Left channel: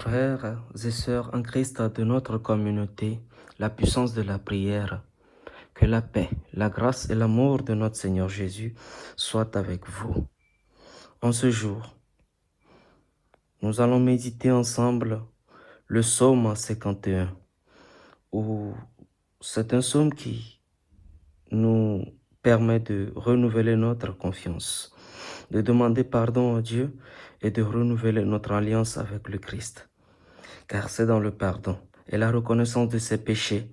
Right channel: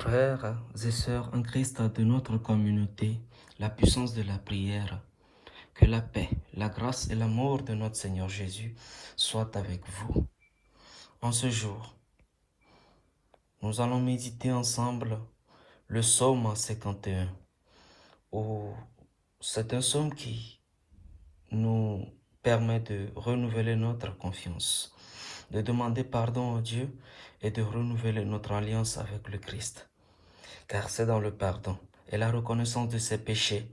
Frères et sœurs en Christ de notre communauté, la puissance de la prière, que la paix, la grâce et l'amour de notre Seigneur Jésus soient avec vous. En ce jour, nous allons méditer ensemble le psaume 51, où c'est un psaume qui nous permet de renouveler notre confiance, de demander pardon à Dieu et de renouveler notre alliance avec le Christ. Car c'est dans le pardon et la reconnaissance de ses péchés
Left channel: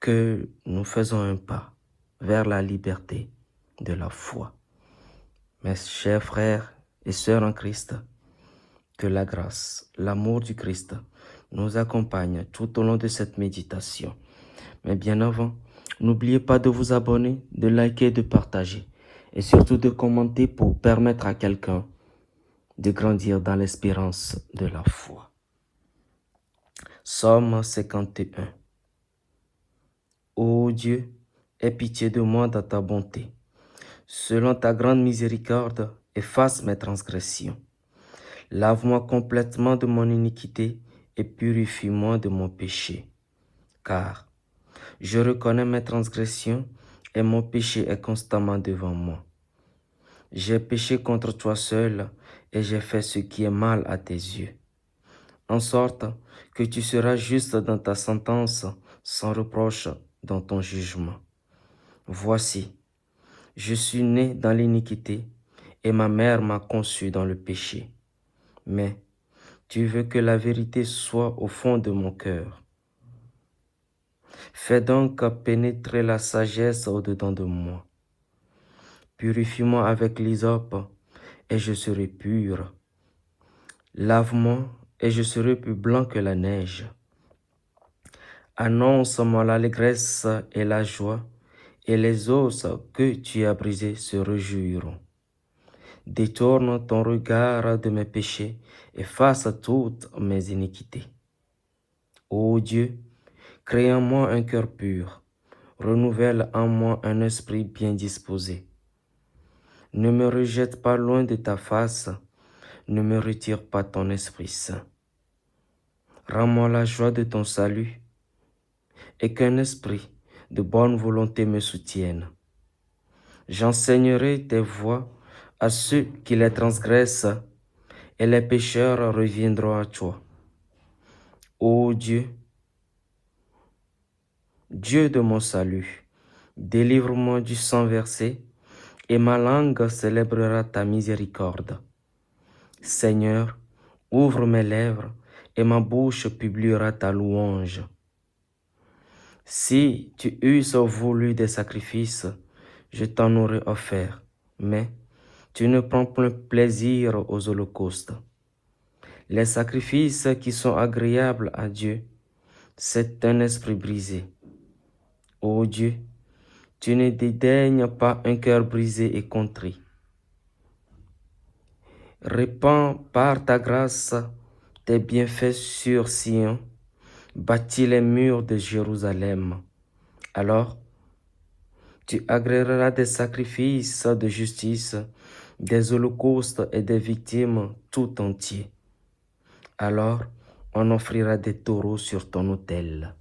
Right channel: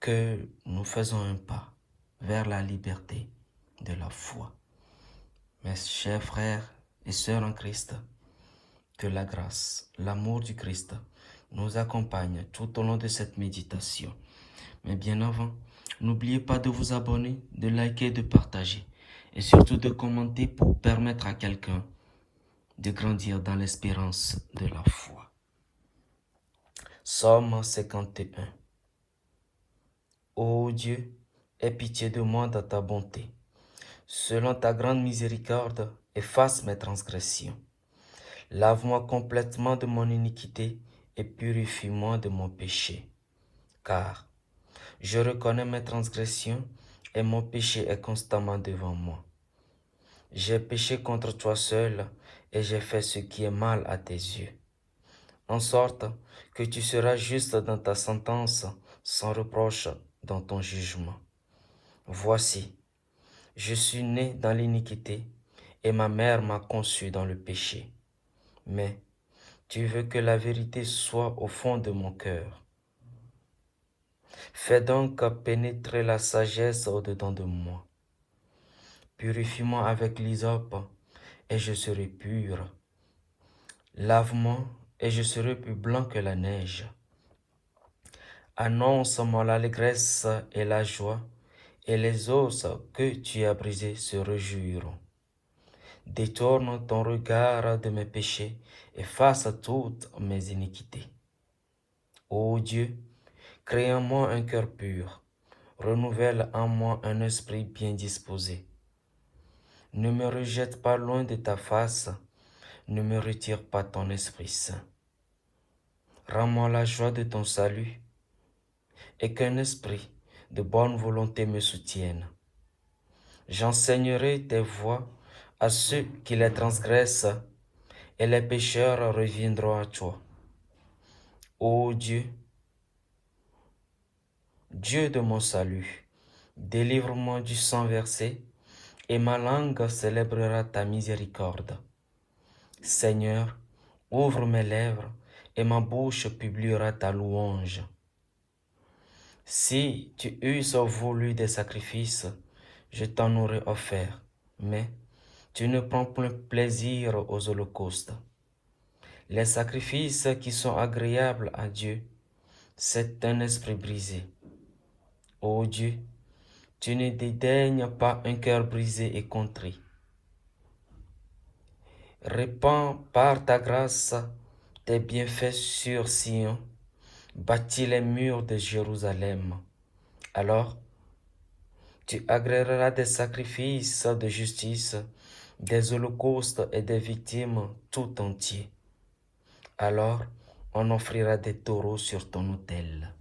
que nous faisons un pas vers la liberté de la foi. Mes chers frères et sœurs en Christ, que la grâce, l'amour du Christ nous accompagne tout au long de cette méditation. Mais bien avant, n'oubliez pas de vous abonner, de liker, de partager et surtout de commenter pour permettre à quelqu'un de grandir dans l'espérance de la foi. Psaume 51. Ô Dieu, aie pitié de moi dans ta bonté. Selon ta grande miséricorde, efface mes transgressions. Lave-moi complètement de mon iniquité et purifie-moi de mon péché. Car je reconnais mes transgressions et mon péché est constamment devant moi. J'ai péché contre toi seul et j'ai fait ce qui est mal à tes yeux. En sorte que tu seras juste dans ta sentence, sans reproche dans ton jugement. Voici, je suis né dans l'iniquité et ma mère m'a conçu dans le péché. Mais tu veux que la vérité soit au fond de mon cœur. Fais donc pénétrer la sagesse au-dedans de moi. Purifie-moi avec l'hysope et je serai pur. Lave-moi et je serai plus blanc que la neige. Annonce-moi l'allégresse et la joie, et les os que tu as brisés se réjouiront. Détourne ton regard de mes péchés, efface toutes mes iniquités. Ô Dieu, crée en moi un cœur pur, renouvelle en moi un esprit bien disposé. Ne me rejette pas loin de ta face, ne me retire pas ton Esprit Saint. Rends-moi la joie de ton salut, et qu'un esprit de bonne volonté me soutienne. J'enseignerai tes voies à ceux qui les transgressent, et les pécheurs reviendront à toi. Ô Dieu, Dieu de mon salut, délivre-moi du sang versé, et ma langue célébrera ta miséricorde. Seigneur, ouvre mes lèvres, et ma bouche publiera ta louange. Si tu eusses voulu des sacrifices, je t'en aurais offert, mais tu ne prends point plaisir aux holocaustes. Les sacrifices qui sont agréables à Dieu, c'est un esprit brisé. Ô Dieu, tu ne dédaignes pas un cœur brisé et contrit. Répands par ta grâce tes bienfaits sur Sion, bâtis les murs de Jérusalem. Alors, tu agréeras des sacrifices de justice, des holocaustes et des victimes tout entiers. Alors, on offrira des taureaux sur ton autel.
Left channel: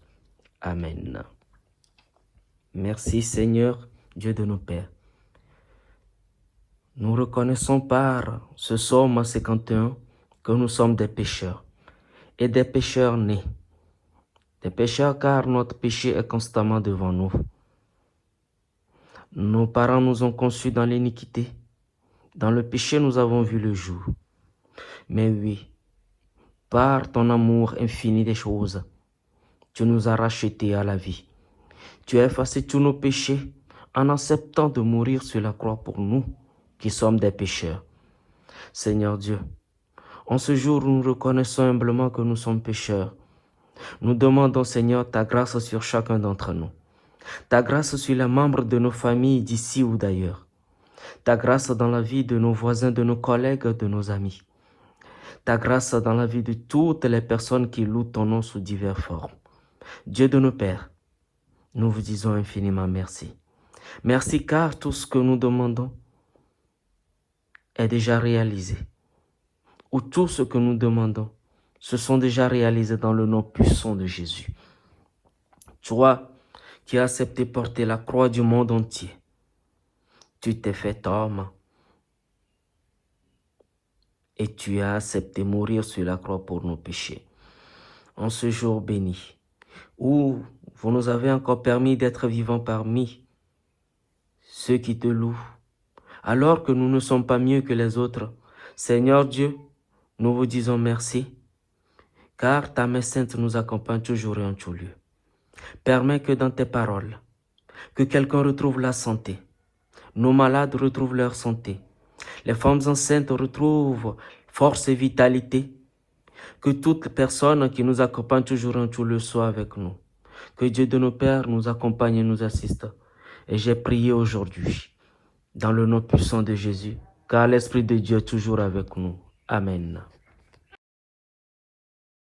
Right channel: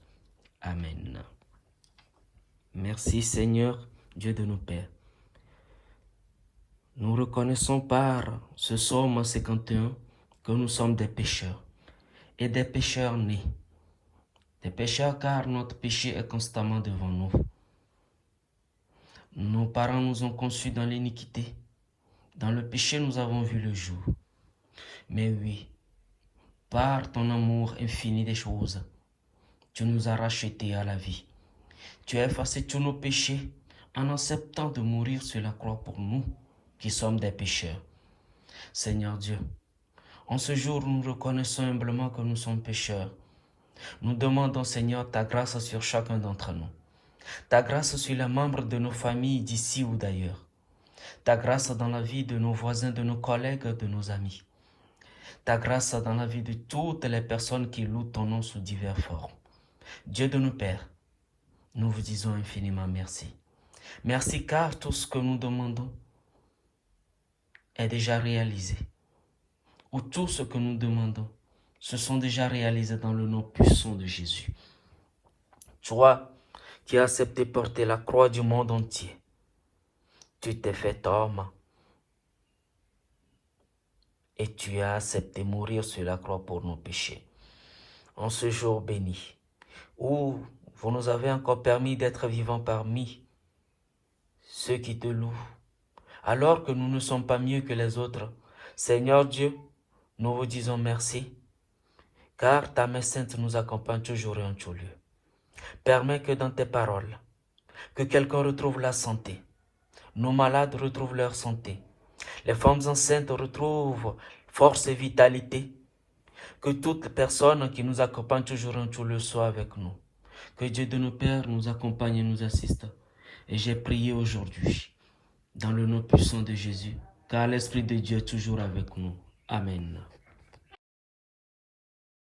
Amen. Merci Seigneur, Dieu de nos pères. Nous reconnaissons par ce psaume 51 que nous sommes des pécheurs et des pécheurs nés. Des pécheurs car notre péché est constamment devant nous. Nos parents nous ont conçus dans l'iniquité. Dans le péché, nous avons vu le jour. Mais oui, par ton amour infini des choses, tu nous as rachetés à la vie. Tu as effacé tous nos péchés en acceptant de mourir sur la croix pour nous qui sommes des pécheurs. Seigneur Dieu, en ce jour, nous reconnaissons humblement que nous sommes pécheurs. Nous demandons, Seigneur, ta grâce sur chacun d'entre nous. Ta grâce sur les membres de nos familles d'ici ou d'ailleurs. Ta grâce dans la vie de nos voisins, de nos collègues, de nos amis. Ta grâce dans la vie de toutes les personnes qui louent ton nom sous diverses formes. Dieu de nos pères, nous vous disons infiniment merci. Merci car tout ce que nous demandons est déjà réalisé. Ou tout ce que nous demandons se sont déjà réalisés dans le nom puissant de Jésus. Toi qui as accepté porter la croix du monde entier, tu t'es fait homme et tu as accepté mourir sur la croix pour nos péchés. En ce jour béni, où vous nous avez encore permis d'être vivants parmi ceux qui te louent, alors que nous ne sommes pas mieux que les autres, Seigneur Dieu, nous vous disons merci, car ta main sainte nous accompagne toujours et en tout lieu. Permets que dans tes paroles, que quelqu'un retrouve la santé, nos malades retrouvent leur santé, les femmes enceintes retrouvent force et vitalité, que toute personne qui nous accompagne toujours en tout lieu soit avec nous. Que Dieu de nos pères nous accompagne et nous assiste. Et j'ai prié aujourd'hui, dans le nom puissant de Jésus, car l'Esprit de Dieu est toujours avec nous. Amen.